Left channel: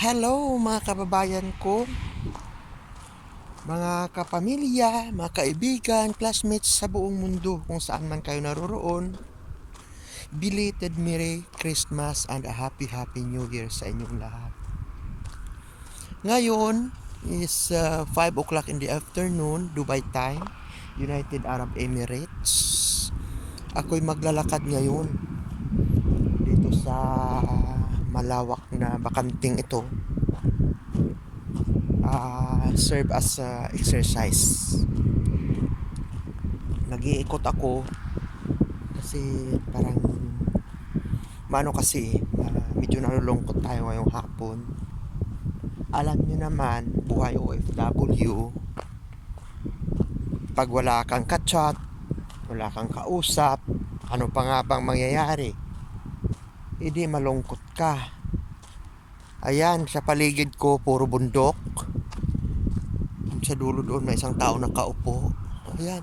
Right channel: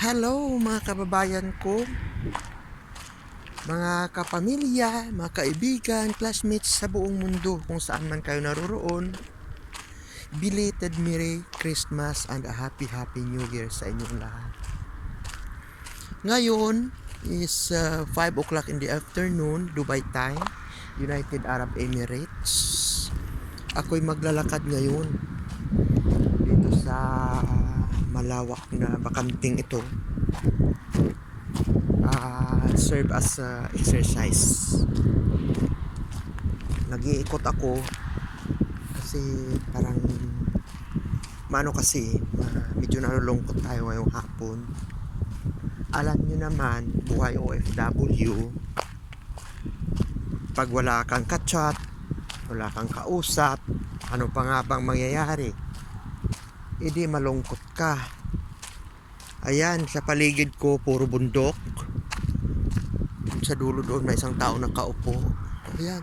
Hello mga kababayan ko, mga kapamilya, mga kaibigan, classmates sa buong mundo kung saan man kayo naroroon. Belated Merry Christmas and a Happy Happy New Year sa inyong lahat. Ngayon is uh, 5 o'clock in the afternoon, Dubai time, United Arab Emirates. Ako'y maglalakad ngayon dito sa malawak na bakanting ito uh, serve as a exercise. Nag-iikot ako kasi parang maano kasi uh, medyo nalulungkot tayo ngayong hapon. Alam niyo naman buhay OFW pag wala kang kachat wala kang kausap ano pa nga bang mangyayari hindi malungkot ka. Ayan, sa paligid ko, puro bundok. Sa dulo doon, may isang tao nakaupo. Ayan.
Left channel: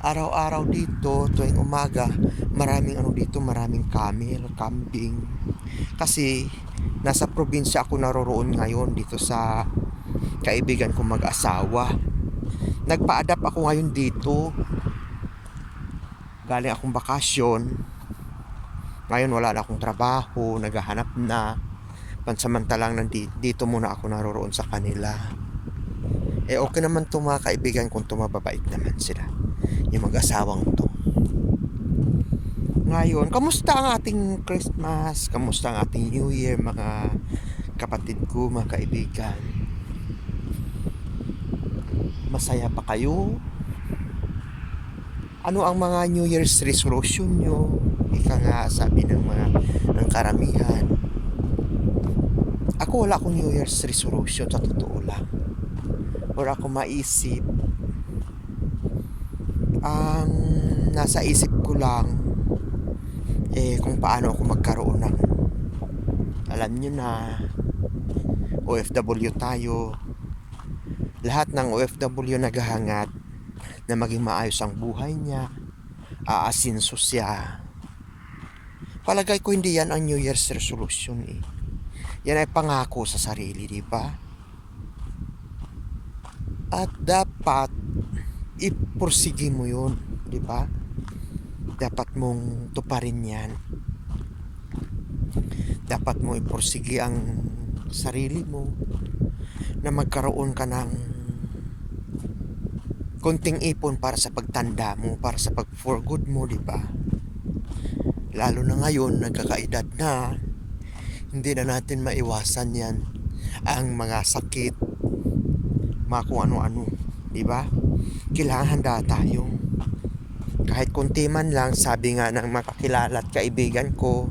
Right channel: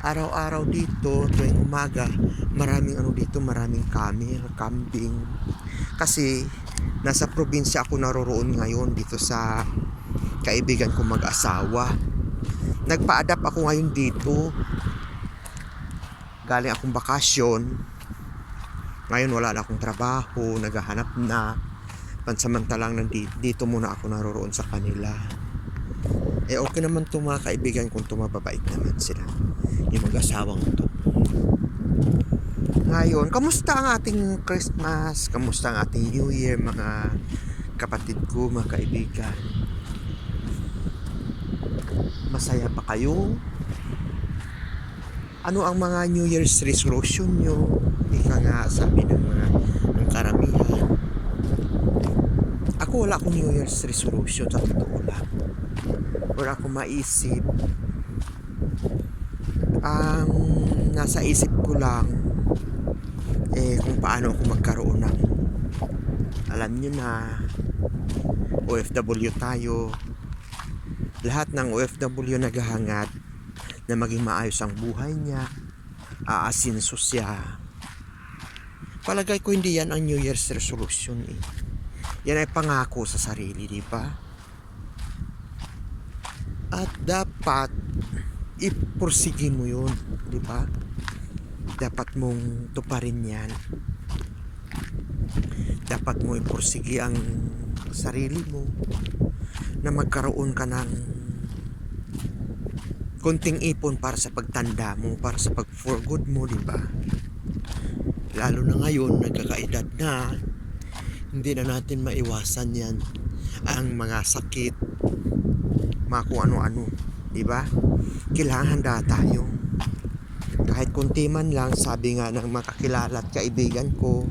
Araw-araw dito, tuwing umaga, maraming ano dito, maraming camel, kambing. Kasi, nasa probinsya ako naroroon ngayon dito sa kaibigan ko mag-asawa. Nagpa-adapt ako ngayon dito. Galing akong bakasyon, ngayon wala na akong trabaho, naghahanap na. Pansamantalang nandito, dito muna ako naroroon sa kanila. Eh okay naman to mga kaibigan kung tumababait naman sila. Yung mag-asawang to. Ngayon, kamusta ang ating Christmas? Kamusta ang ating New Year mga kapatid ko, mga kaibigan? Masaya pa kayo? Ano ang mga New Year's resolution nyo? Ika nga sabi ng mga ng karamihan. Ako wala akong New Year's resolution sa totoo lang. Wala akong maisip. Ang nasa isip ko lang eh kung paano ako magkaroon ng alam niyo na OFW tayo lahat ng OFW naghahangad na maging maayos ang buhay niya aasinso siya. Palagay ko hindi yan ang New Year's resolution eh. yan ay pangako sa sarili di ba? At dapat ipursige mo yun di ba? Dapat mong tuparin yan. Dapat mo ipursige ang sarili mo na magkaroon ka ng konting ipon para sa pagtanda mo, para sa pag for good mo, di ba? Lalo na ngayon, nagkakaedad na, hindi na natin maiwasan yan ang mga sakit, mga kung ano-ano, di ba? Kailangan handa tayo. Kahit kunti man lang, sabi nga ng mga kakilala at kaibigan ko,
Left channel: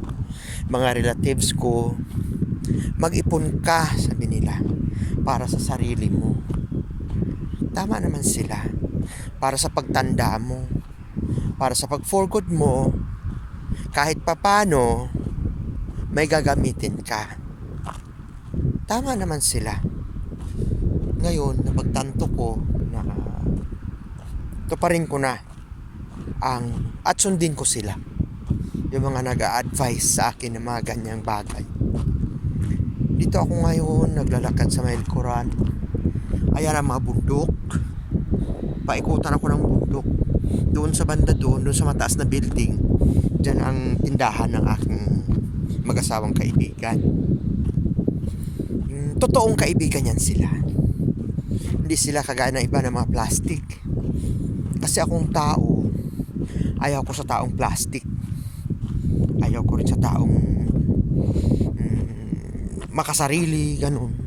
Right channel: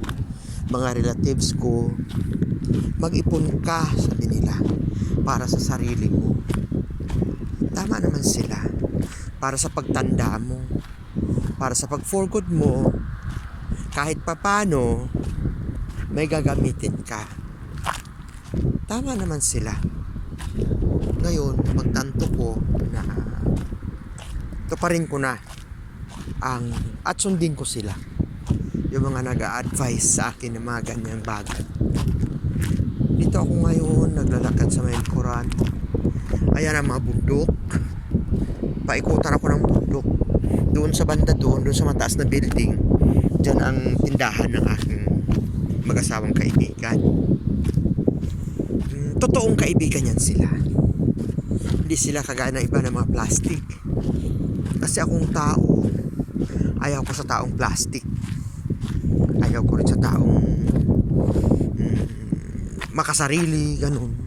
mga relatives ko, mag-ipon ka, sabi nila, para sa sarili mo. Tama naman sila. Para sa pagtanda mo, para sa pag-for good mo, kahit papano, may gagamitin ka. Tama naman sila. Ngayon, napagtanto ko na ito pa ko na ang at sundin ko sila yung mga nag-a-advise sa akin ng mga ganyang bagay dito ako ngayon naglalakad sa may likuran ayan ang mga bundok paikutan ako ng bundok. Doon sa banda doon doon sa mataas na building dyan ang tindahan ng aking mag-asawang kaibigan. Hmm, totoong kaibigan yan sila. Hindi sila kagaya ng iba ng mga plastic. Kasi akong tao ayaw ko sa taong plastic. Ayaw ko rin sa taong mm, makasarili ganun.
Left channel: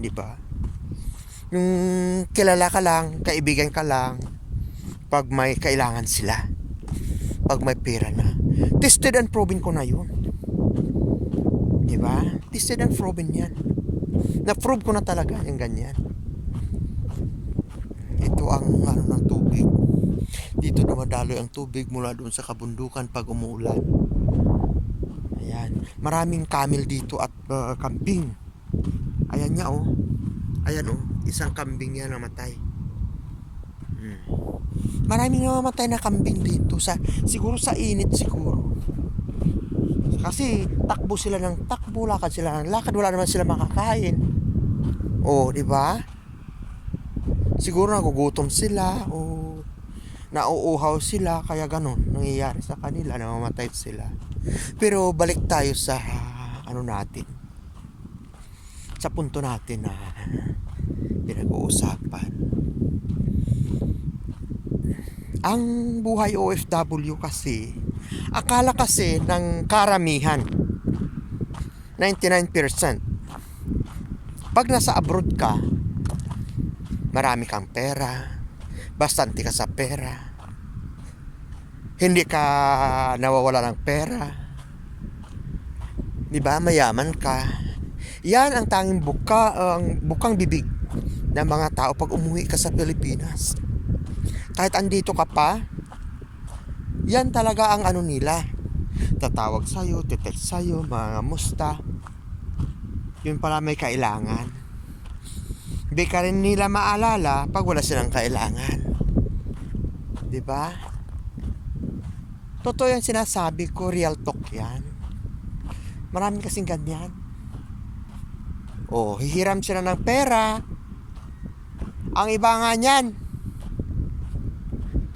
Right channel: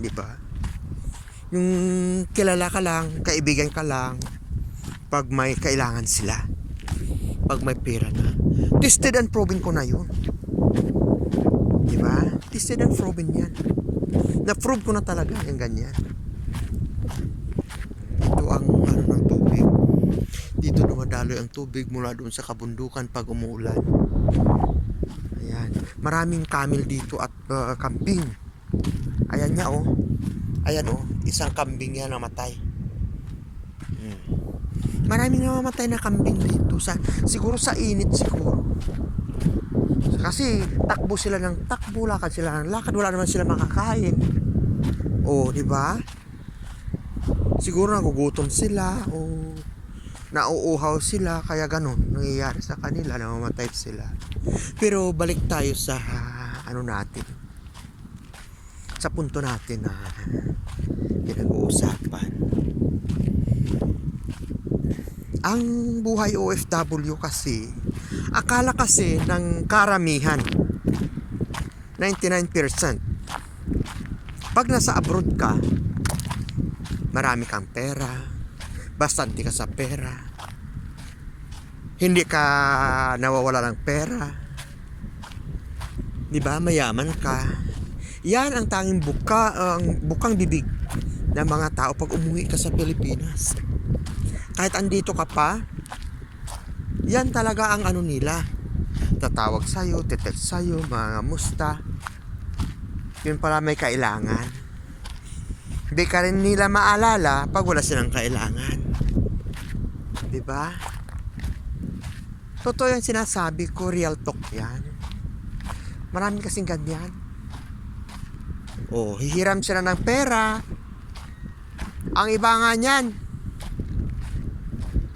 Di ba yung kilala ka lang kaibigan ka lang pag may kailangan sila. Pag may pera na. Tested and proven ko na yun. Di ba tested and proven yan. Na-prove ko na talaga yung ganyan. Ito ang ano ng tubig. Dito dumadaloy ang tubig mula doon sa kabundukan pag umuulan. Ayan. Maraming camel dito at uh, kambing ayan niya oh. Ayan oh isang kambing yan namatay hmm. maraming namamatay na kambing dito sa siguro sa init siguro Kasi takbo sila ng takbo, lakad sila ng lakad, wala naman sila makakain. O, di ba? Siguro nagugutom sila o nauuhaw sila kaya ganun nangyayari sa kanila namamatay sila pero balik tayo sa ano natin sa punto natin na pinag-uusapan. Ang buhay OFW kasi akala kasi ng karamihan 99% pag nasa abroad ka marami kang pera bastante ka sa pera hindi ka nawawala ng pera di ba? Mayaman ka yan ang tanging buka ang bukang bibig ng mga tao pag umuwi ka sa Pilipinas kahit andito ka pa yan talaga ang ano nila tatawag sa'yo, titext sa'yo, mga musta yun pala may kailangan hindi ka rin nila maalala pag wala silang kailangan. ba? Totoo yung sinasabi ko, real talk yan. Marami kasing ganyan. Oh, hihiram sila ng pera. Ang iba nga niyan,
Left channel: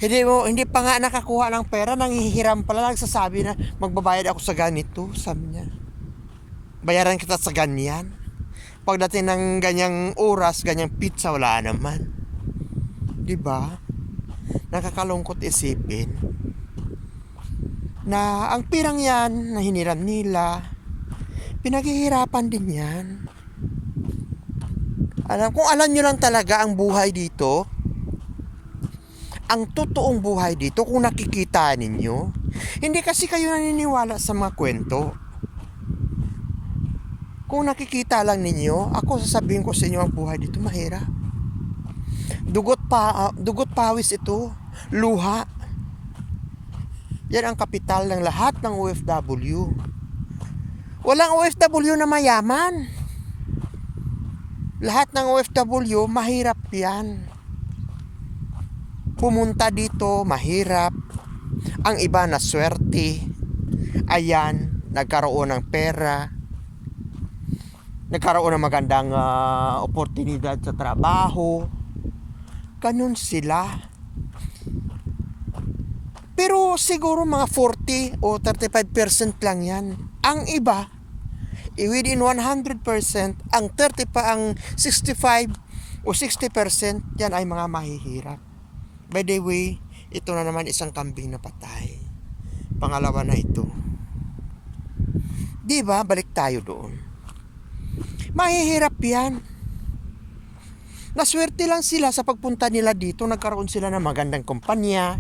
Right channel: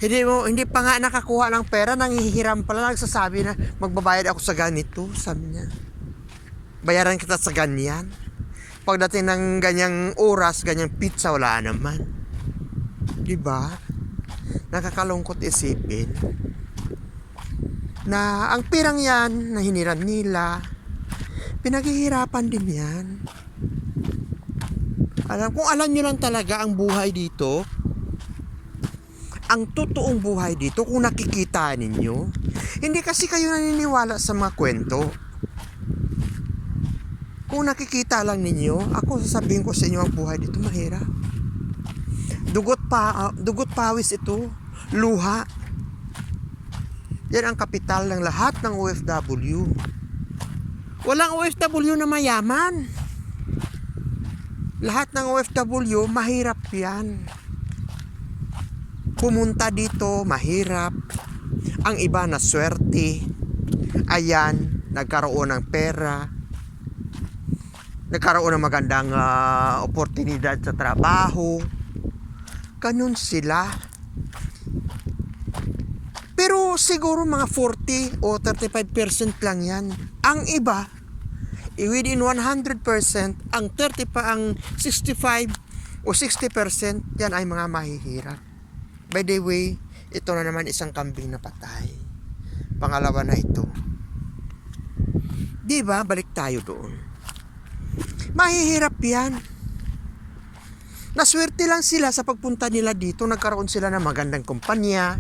hindi mo hindi pa nga nakakuha ng pera nang hihiram pala nagsasabi na magbabayad ako sa ganito sabi niya bayaran kita sa ganyan pagdating ng ganyang oras, ganyang pizza, wala naman. Di ba? Nakakalungkot isipin na ang pirang yan na hiniram nila, pinaghihirapan din yan. Alam, kung alam nyo lang talaga ang buhay dito, ang totoong buhay dito, kung nakikita ninyo, hindi kasi kayo naniniwala sa mga kwento. Kung nakikita lang ninyo, ako sasabihin ko sa inyo ang buhay dito mahirap. Dugot pa, uh, dugot pawis ito, luha. Yan ang kapital ng lahat ng OFW. Walang OFW na mayaman. Lahat ng OFW mahirap yan. Pumunta dito mahirap. Ang iba na swerte. Ayan, nagkaroon ng pera nagkaroon ng magandang uh, oportunidad sa trabaho. Ganun sila. Pero siguro mga 40 o 35% lang yan. Ang iba, within 100%, ang 30 pa ang 65 o 60% yan ay mga mahihirap. By the way, ito na naman isang kambing na patay. Pangalawa na ito. Di ba? Balik tayo doon mahihirap yan. Naswerte lang sila sa pagpunta nila dito, nagkaroon sila ng magandang kumpanya,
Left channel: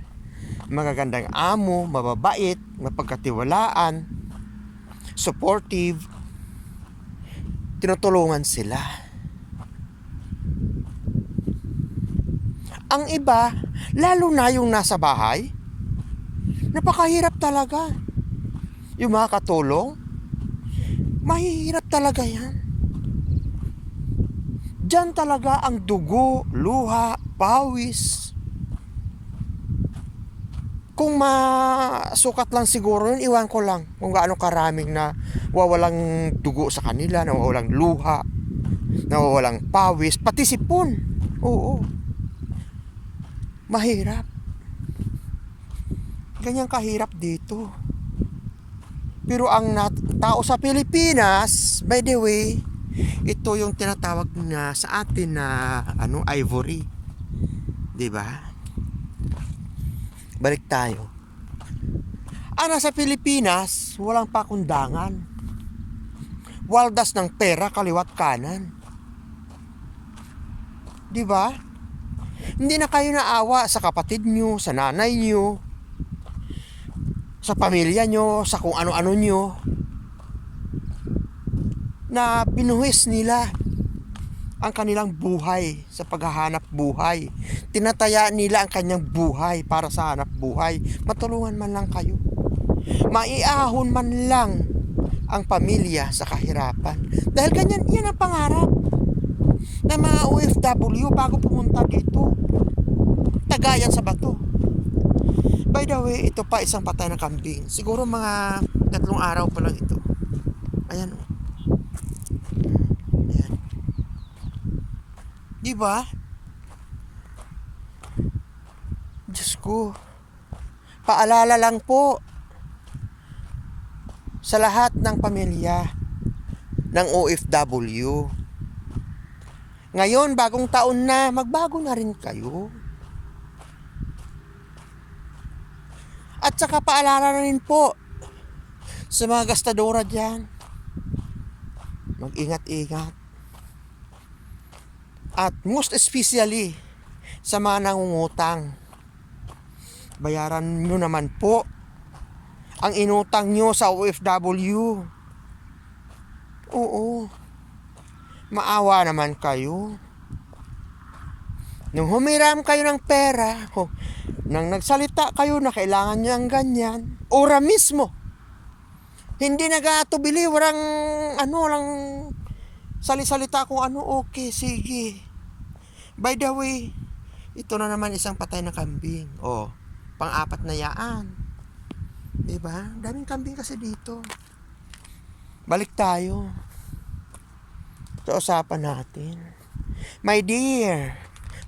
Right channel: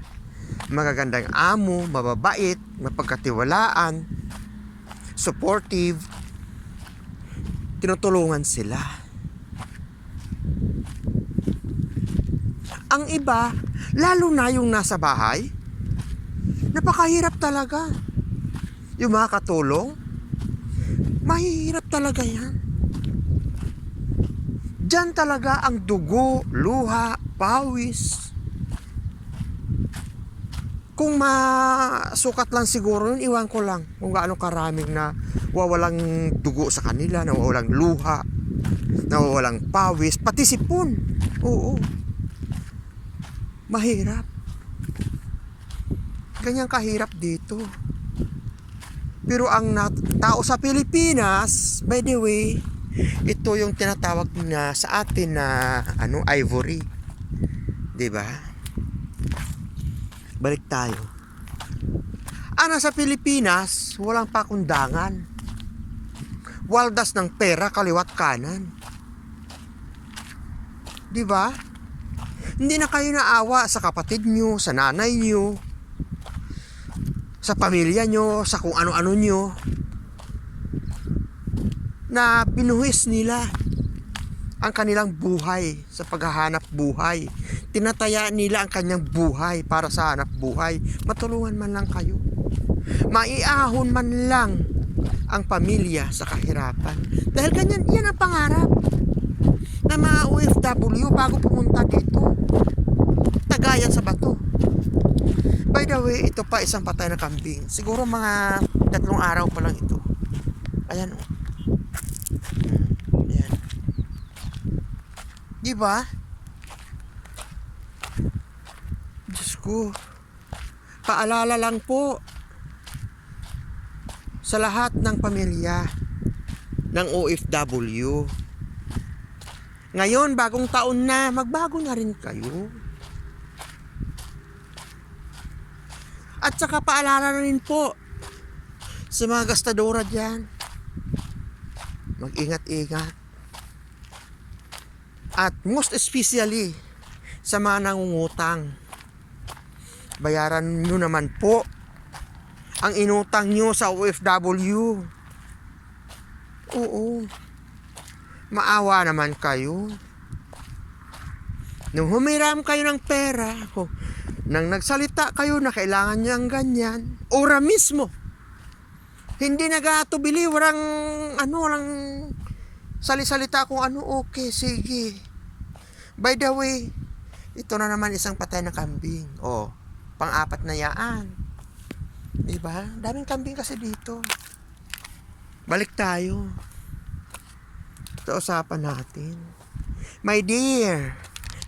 magagandang amo, mababait, mapagkatiwalaan, supportive, tinutulungan sila. Ang iba, lalo na yung nasa bahay, napakahirap talaga. Yung mga katulong, mahihirap talaga yan. Diyan talaga ang dugo, luha, pawis. Kung masukat lang siguro yun, iwan ko lang kung gaano karaming na wawalang dugo sa kanila, na wawalang luha, na wawalang pawis, pati sipon. Oo. Mahirap. Ganyan kahirap dito. Pero ang nat- tao sa Pilipinas, by the way, ito yung tinatawag na sa atin na ano ivory. 'Di ba? Balik tayo. Ana sa Pilipinas, walang pakundangan. Waldas ng pera kaliwat kanan. 'Di ba? Hindi na kayo naawa sa kapatid nyo, sa nanay nyo, sa pamilya nyo, sa kung ano-ano nyo na binuhis nila ang kanilang buhay sa paghahanap buhay. Tinataya nila ang kanyang buhay para sa hanap buhay. Matulungan man lang kayo. Maiahon man lang ang pamilya sa kahirapan. Dahil ganyan, yan ang pangarap ng mga OFW bago pumunta dito. Tagayan sa bato. By the way, ito pa isang patay na kambing. Siguro mga tatlong araw pa lang ito. Ayan oh. Hmm, ayan. Di ba? Diyos ko. Paalala lang po sa lahat ng pamilya ng OFW. Ngayon, bagong taon na, magbago na rin kayo. At saka paalala na rin po sa mga gastadora dyan. Mag-ingat-ingat. At most especially sa mga nangungutang. Bayaran nyo naman po ang inutang nyo sa OFW. Oo. Maawa naman kayo. Nung humiram kayo ng pera, ho, nang nagsalita kayo na kailangan nyo ang ganyan, ora mismo. Hindi nagatubili, walang ano, walang salisalita kung ano, okay, sige. By the way, ito na naman isang patay na kambing. Oh, pang-apat na yaan. Diba? Daming kambing kasi dito. Balik tayo. Sa usapan natin. My dear,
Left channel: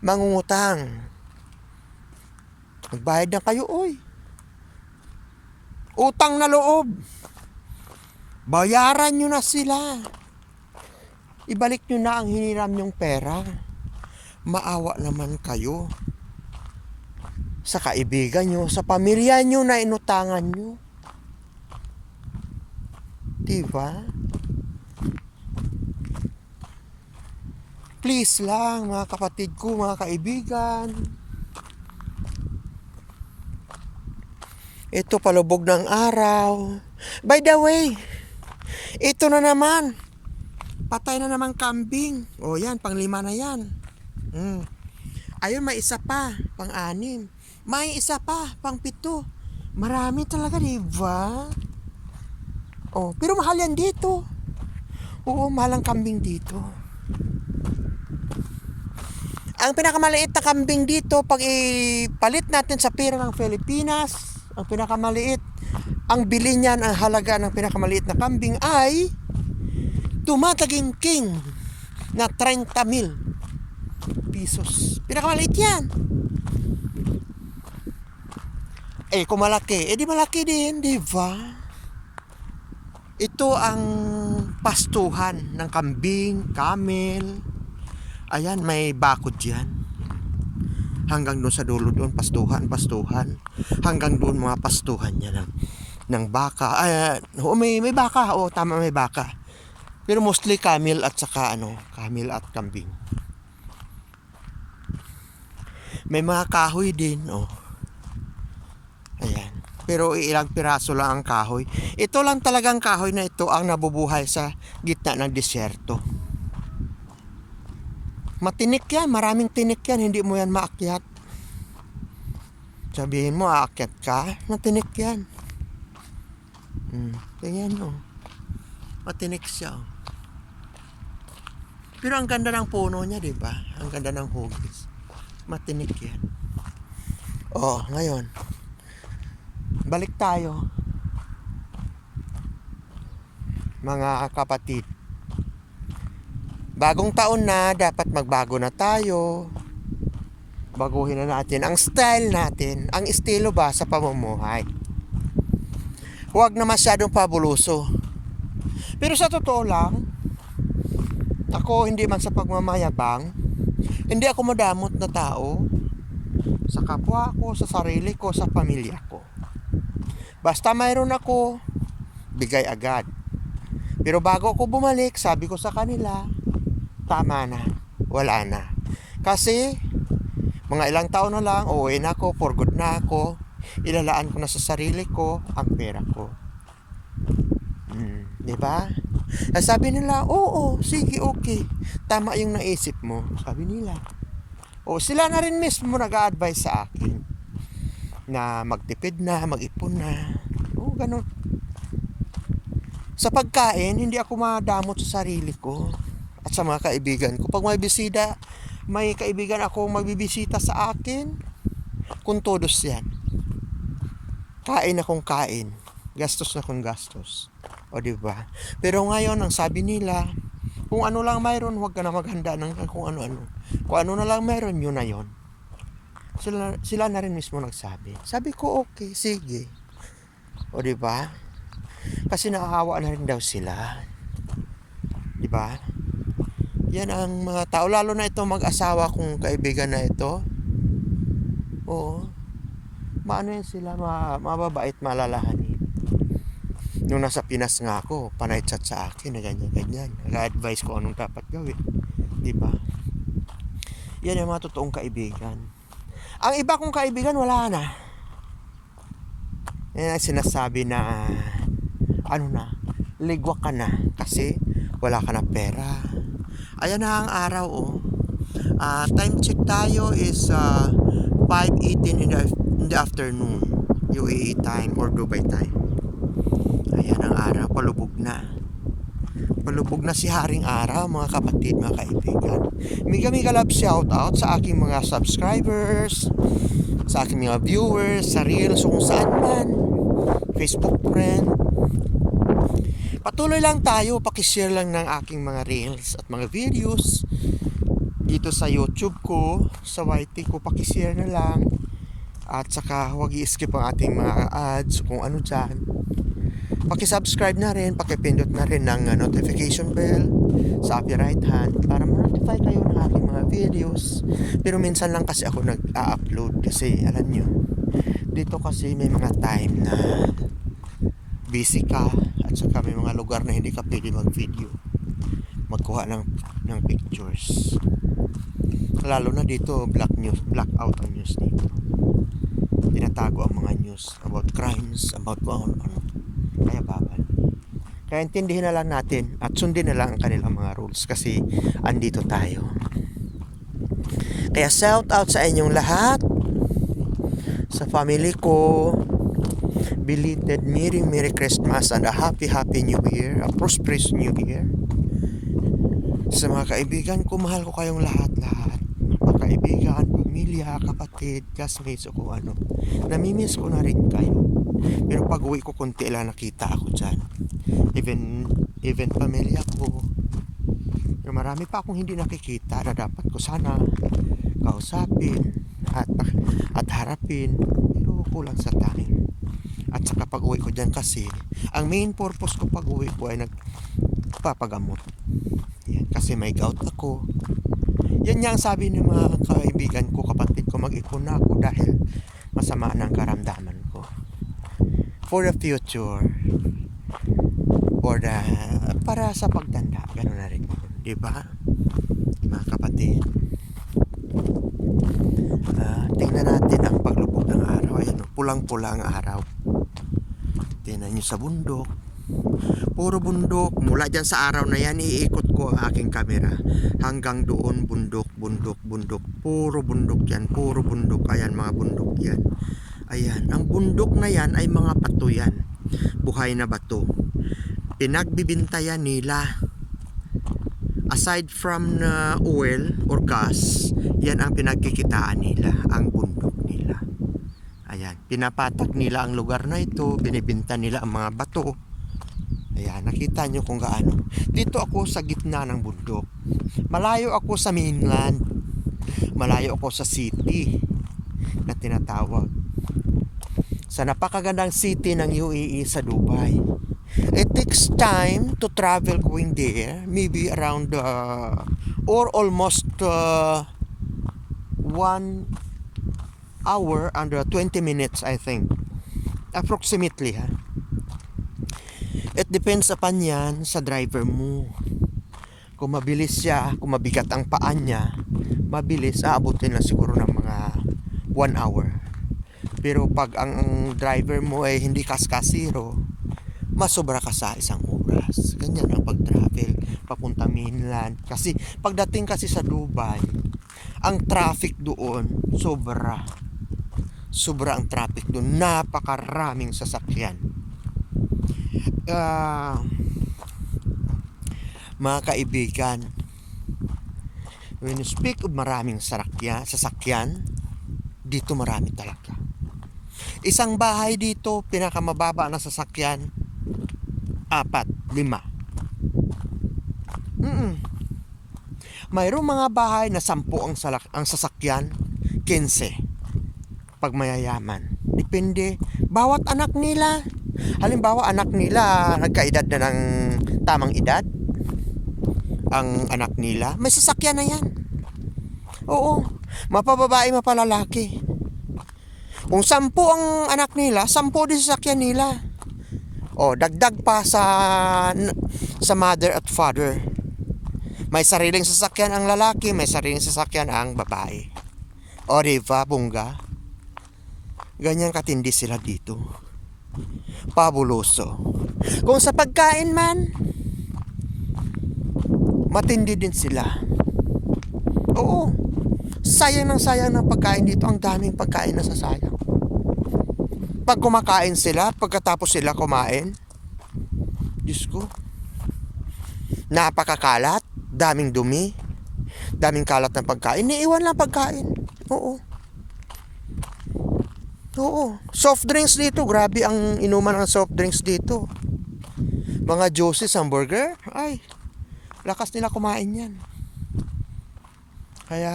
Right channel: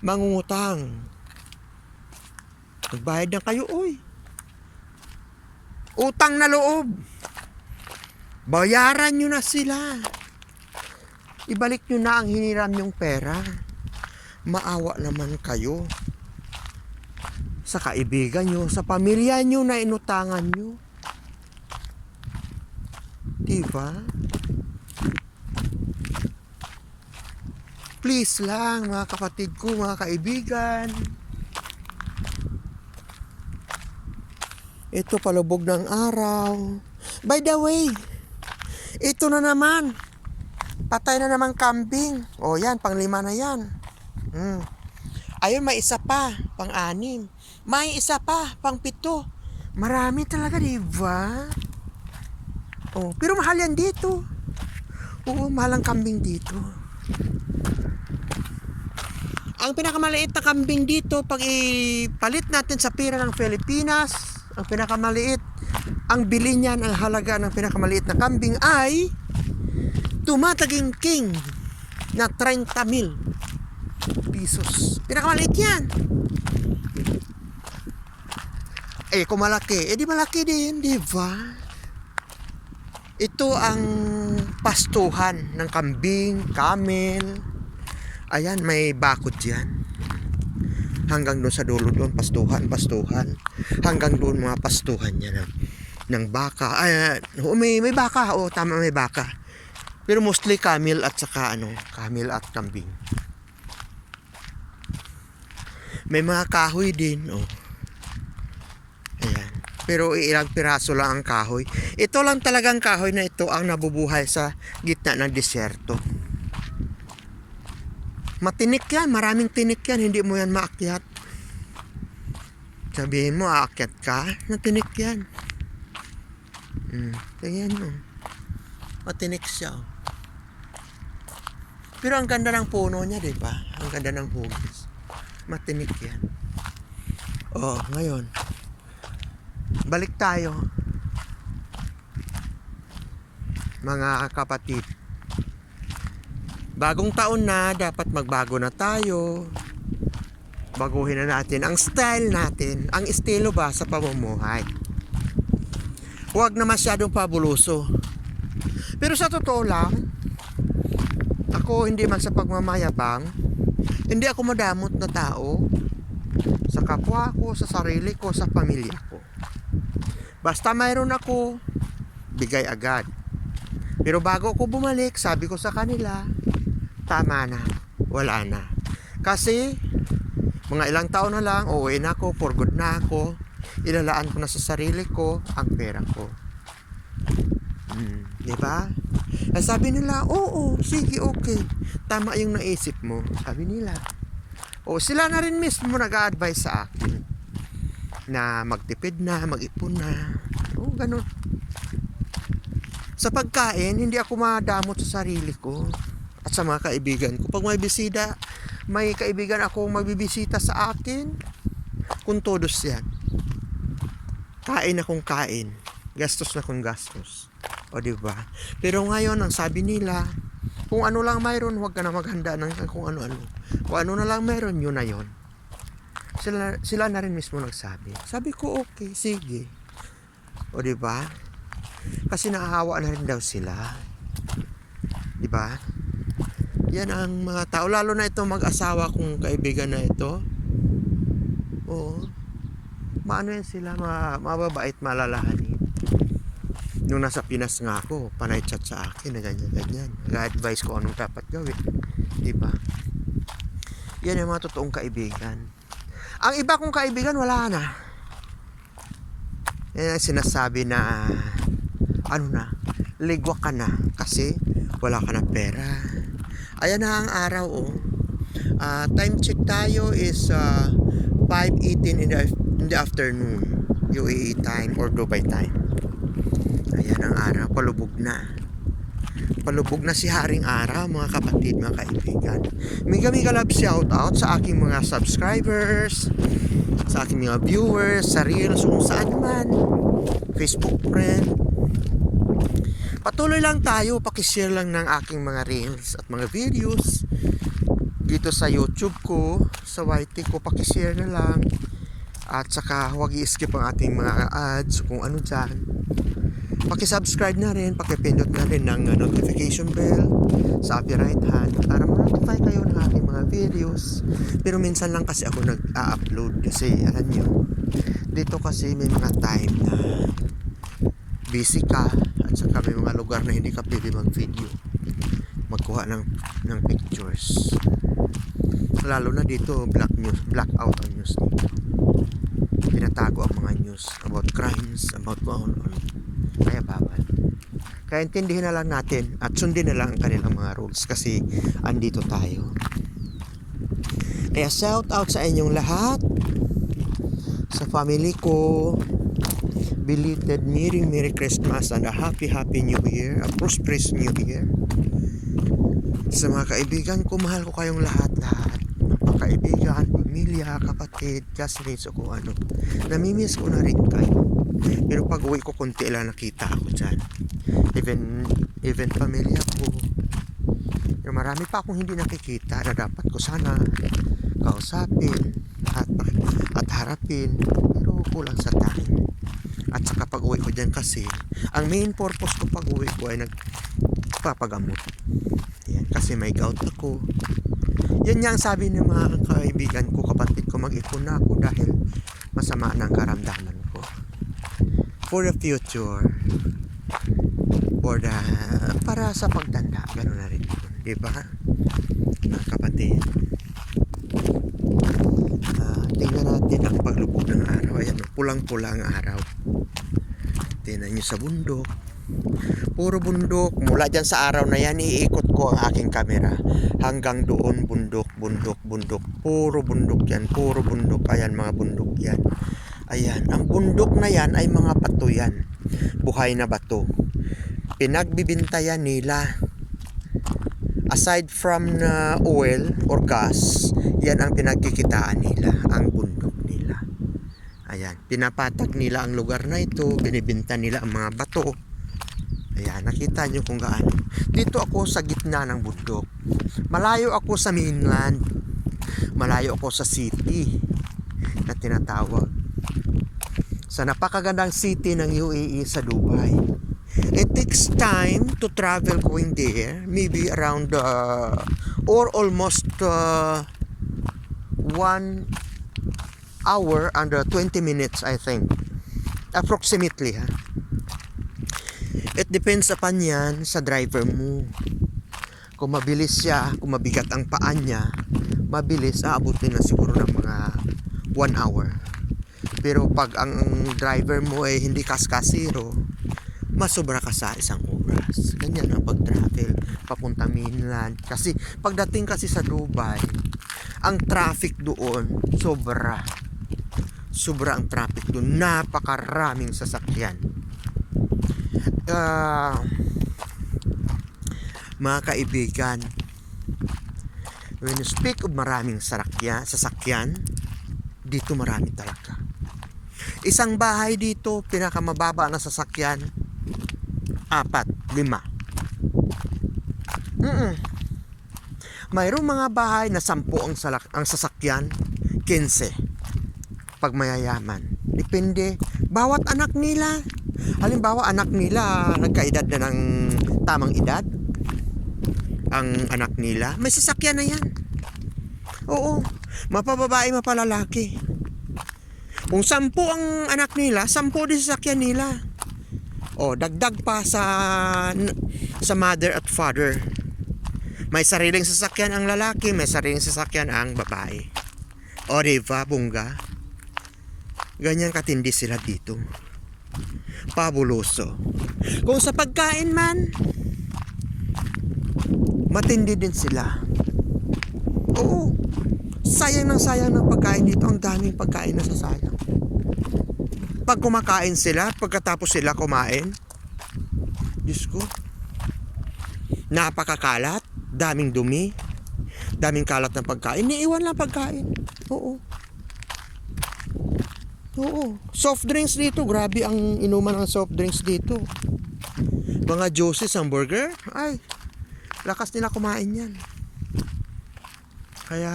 mangungutang. Magbayad na kayo, oy. Utang na loob. Bayaran nyo na sila. Ibalik nyo na ang hiniram yung pera. Maawa naman kayo. Sa kaibigan nyo, sa pamilya nyo na inutangan nyo. Diba? Please lang, mga kapatid ko, mga kaibigan. Ito palubog ng araw. By the way, ito na naman. Patay na naman kambing. O yan, panglima na yan. Mm. Ayun, may isa pa, pang-anim. May isa pa, pang-pito. Marami talaga, di ba? Oh, pero mahal yan dito. Oo, mahal ang kambing dito. Ang pinakamaliit na kambing dito, pag ipalit natin sa pera ng Pilipinas, ang pinakamaliit, ang bili niyan, ang halaga ng pinakamaliit na kambing ay tumataging king na 30 mil pesos. Pinakamaliit yan. Eh, kung malaki, eh di malaki din, di ba? Ito ang pastuhan ng kambing, camel. Ayan, may bakod yan. Hanggang doon sa dulo doon, pastuhan, pastuhan. Hanggang doon mga pastuhan niya ng, ng baka. Ay, oh, may, may baka, oh, tama, may baka. Pero mostly camel at saka ano, camel at kambing. May mga kahoy din, oh. Pero ilang piraso lang ang kahoy. Ito lang talagang kahoy na ito ang nabubuhay sa gitna ng disyerto. Matinik yan, maraming tinik yan, hindi mo yan maakyat. Sabihin mo, aakyat ka, matinik yan. Hmm, tingnan mo. Matinik siya. oh. Pero ang ganda ng puno niya, di ba? Ang ganda ng hugis. Matinik yan. Oh, ngayon. Balik tayo. Mga kapatid. Bagong taon na, dapat magbago na tayo. Baguhin na natin ang style natin. Ang estilo ba sa pamumuhay. Huwag na masyadong pabuluso. Pero sa totoo lang, ako hindi man sa pagmamayabang, hindi ako madamot na tao sa kapwa ko, sa sarili ko, sa pamilya ko. Basta mayroon ako, bigay agad. Pero bago ako bumalik, sabi ko sa kanila, tama na, wala na. Kasi, mga ilang taon na lang, uuwi na ako, for good na ako, ilalaan ko na sa sarili ko ang pera ko. Hmm, di ba? Eh, sabi nila, oo, sige, okay. Tama yung naisip mo. Sabi nila. O sila na rin mismo nag-a-advise sa akin na magtipid na, mag-ipon na. O, ganun. Sa pagkain, hindi ako madamot sa sarili ko at sa mga kaibigan ko. Pag may bisita, may kaibigan ako magbibisita sa akin, kung todos yan. kain akong kain. Gastos na kung gastos. O di ba? Pero ngayon ang sabi nila, kung ano lang mayroon, huwag ka na maghanda ng kung ano-ano. Kung ano na lang mayroon, yun na yun. Sila, sila na rin mismo nagsabi. Sabi ko, okay, sige. O di ba? Kasi naahawa na rin daw sila. Di ba? Yan ang mga tao. Lalo na ito mag-asawa kong kaibigan na ito. Oo. Maano yan sila, ma mababait, malalahanin. Nung nasa Pinas nga ako, panay chat sa akin na ganyan-ganyan. Nag-advise ko anong dapat gawin. Di ba? Yan ang mga totoong kaibigan. Ang iba kong kaibigan, wala na. Ang sinasabi na, ano na, ligwa ka na kasi wala ka na pera. Ayan na ang araw, oh. Ah, time check tayo is uh, 5.18 in the, in the afternoon. UAE time or Dubai time. Ayan ang araw, palubog na. Palubog na si Haring Araw, mga kapatid, mga kaibigan. Mega mega love shout out sa aking mga subscribers, sa aking mga viewers, sa Reels, kung saan man. Facebook friend. Patuloy lang tayo, pakishare lang ng aking mga Reels at mga videos dito sa YouTube ko, sa YT ko, pakishare na lang. At saka huwag i-skip ang ating mga ads kung ano dyan. Paki-subscribe na rin, paki-pindot na rin ng uh, notification bell sa upper right hand para ma-notify kayo ng ating mga videos. Pero minsan lang kasi ako nag-a-upload kasi alam nyo, dito kasi may mga time na busy ka at saka may mga lugar na hindi ka pwede mag-video magkuha ng, ng pictures. Lalo na dito black news black out ang news dito. Tinatago ang mga news about crimes about kung ano kaya bawal. Kaya intindihin na lang natin at sundin na lang ang kanilang mga rules kasi andito tayo. Kaya shout out sa inyong lahat. Sa family ko. Belated Merry Merry Christmas and a Happy Happy New Year. A prosperous New Year. Sa mga kaibigan ko mahal ko kayong lahat-lahat. Kaibigan, pamilya, kapatid, classmates o ano. Namimiss ko na rin kayo. Pero pag uwi ko, konti lang nakita ako dyan. Even, even pamilya ko. Pero marami pa akong hindi nakikita na dapat ko sana kausapin at, at harapin. Pero kulang sa time. At saka pag uwi ko dyan kasi, ang main purpose ko pag uwi ko ay nagpapagamot. Yan, kasi may gout ako. Yan nga ang sabi ng mga kaibigan ko, kapatid ko, mag-ipon na ako dahil masama ng karamdaman. For the future, for the, para sa pagtanda, gano'n na rin yun. Di ba? Mga kapatid. Ah, tingnan natin ang paglubog ng araw. Ayan, oh, pulang-pula ang araw. Tingnan nyo sa bundok. Puro bundok. Mula dyan sa araw na yan, iikot ko ang aking kamera. Hanggang doon, bundok, bundok, bundok. Puro bundok yan. Puro bundok. Ayan, mga bundok yan. Ayan. Ang bundok na yan ay mga bato yan. Buhay na bato. Pinagbibintayan nila. Aside from na oil or gas, yan ang pinagkikitaan nila. Ang bundok nila. Ayan. Pinapatak nila ang lugar na ito. Binibinta nila ang mga bato. Ayan, nakita nyo kung gaano. Dito ako sa gitna ng bundok. Malayo ako sa mainland. Malayo ako sa city na tinatawag. Sa napakagandang city ng UAE sa Dubai. It takes time to travel going there. Maybe around uh, or almost uh, one hour and uh, 20 minutes I think. Approximately ha. It depends upon yan sa driver mo. Kung mabilis siya, kung mabigat ang paa niya, mabilis, aabutin na siguro ng mga 1 hour. Pero pag ang driver mo ay hindi kaskasiro, masobra ka sa isang oras. Ganyan ang pag-travel papunta mainland. Kasi pagdating kasi sa Dubai, ang traffic doon sobra. Sobra ang traffic doon. Napakaraming sasakyan uh, mga kaibigan when you speak of maraming sarakya, sasakyan dito marami talaga Isang bahay dito, pinakamababa na sasakyan, apat, lima. Mm Mayroong mga bahay na sampu ang, salak, ang sasakyan, 15. Pag mayayaman. Depende. Bawat anak nila. Halimbawa, anak nila nagkaedad na ng tamang edad. Ang anak nila, may sasakyan na yan. Oo. Mapababae, mapalalaki. Kung sampu ang anak nila, sampu din sasakyan nila. O, dagdag pa sa sa mother at father. May sariling sasakyan ang lalaki, may sariling sasakyan ang babae. O, diba, bungga? Ganyan katindi sila dito. Pabuloso. Kung sa pagkain man, matindi din sila. Oo. Sayang ng sayang ng pagkain dito. Ang daming pagkain na sasayang. Pag kumakain sila, pagkatapos sila kumain, Diyos ko, napakakalat, daming dumi, daming kalat ng pagkain. Niiwan lang pagkain. Oo. Oo. Soft drinks dito. Grabe ang inuman ng soft drinks dito. Mga juices, hamburger. Ay, lakas nila kumain yan. Kaya,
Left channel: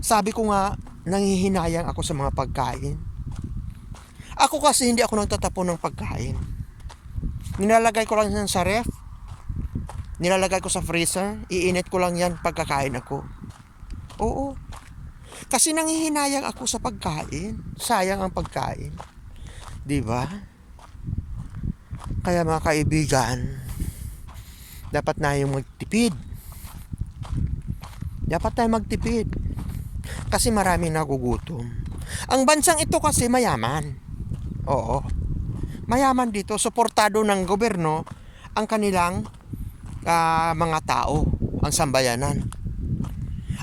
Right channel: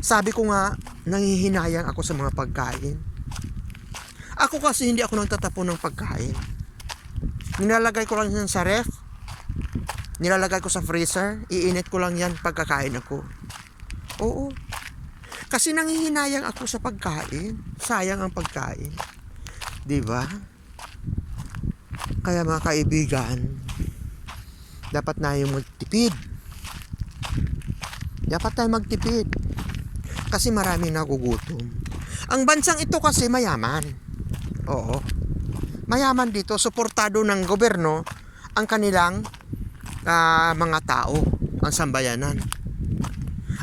sabi ko nga, nangihinayang ako sa mga pagkain. Ako kasi hindi ako nagtatapon ng pagkain. Nilalagay ko lang yan sa ref. Nilalagay ko sa freezer. Iinit ko lang yan pagkakain ako. Oo. Kasi nangihinayang ako sa pagkain. Sayang ang pagkain. 'Di ba? Kaya mga kaibigan, dapat na yung magtipid. Dapat tayo magtipid. Kasi marami nagugutom. Ang bansang ito kasi mayaman. Oo. Mayaman dito, suportado ng gobyerno ang kanilang ah, mga tao, ang sambayanan.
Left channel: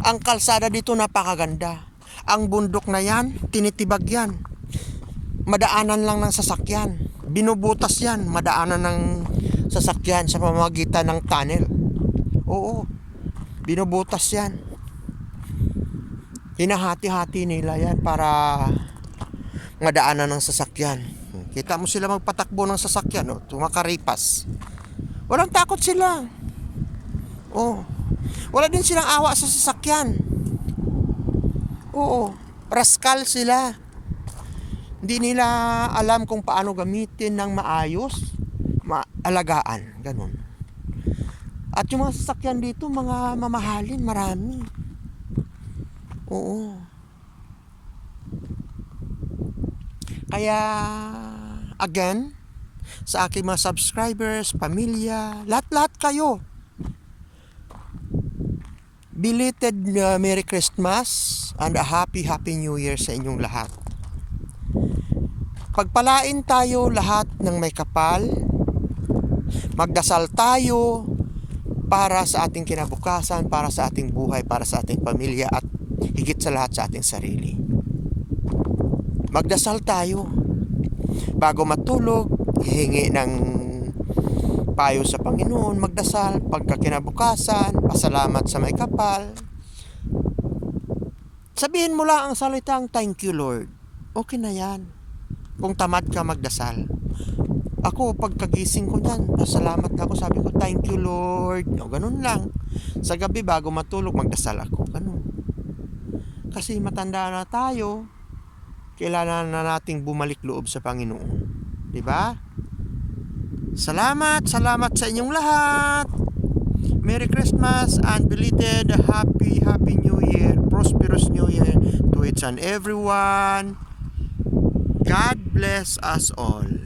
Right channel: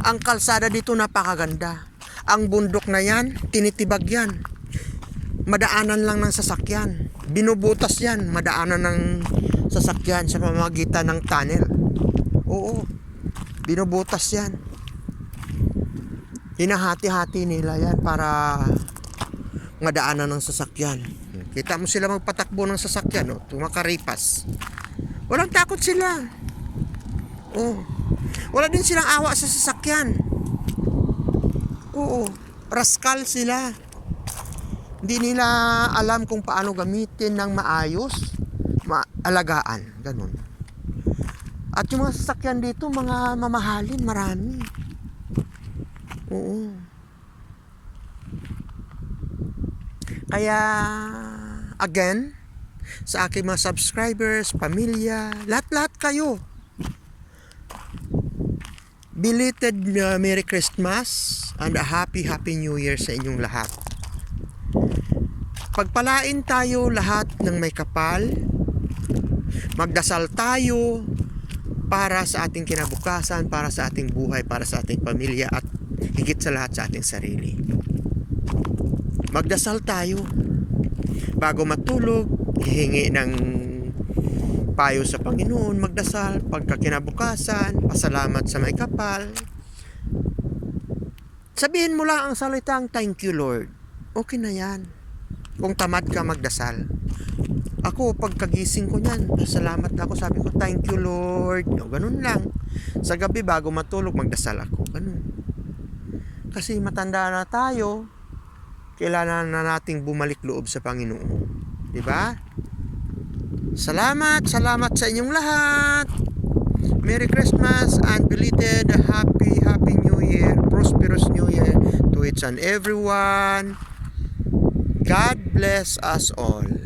Ang kalsada dito napakaganda. Ang bundok na yan, tinitibag yan. Madaanan lang ng sasakyan. Binubutas yan, madaanan ng sasakyan sa pamamagitan ng tunnel. Oo, binubutas yan. Hinahati-hati nila yan para madaanan ng sasakyan. Kita mo sila magpatakbo ng sasakyan, oh, tumakaripas. Walang takot sila. Oh. Wala din silang awa sa sasakyan. Oo. Raskal sila. Hindi nila alam kung paano gamitin ng maayos, maalagaan, ganun. At yung mga sasakyan dito, mga mamahalin, marami. Oo. Kaya, again, sa aking mga subscribers, pamilya, lahat-lahat kayo. Belated uh, Merry Christmas and a Happy Happy New Year sa inyong lahat. Pagpalain tayo lahat ng may kapal. Magdasal tayo para sa ating kinabukasan, para sa ating buhay, para sa ating pamilya at higit sa lahat sa ating sarili. Magdasal tayo. Bago matulog, hihingi ng payo sa Panginoon, magdasal, pagka kinabukasan, pasalamat sa may kapal. Sabihin mo lang ang salitang thank you Lord. Okay na yan. Kung tamad ka magdasal. Ako, pagkagising ko niyan, pasalamat ako. Sabi ko, thank you Lord. O, ganun lang. Sa gabi, bago matulog, magdasal ako. Ganun. Kasi matanda na tayo, kailangan na nating bumalik loob sa Panginoon. 'Di ba? Salamat, salamat sa inyong lahat. Merry Christmas and belated Happy Happy New Year, prosperous New Year to each and everyone. God bless us all.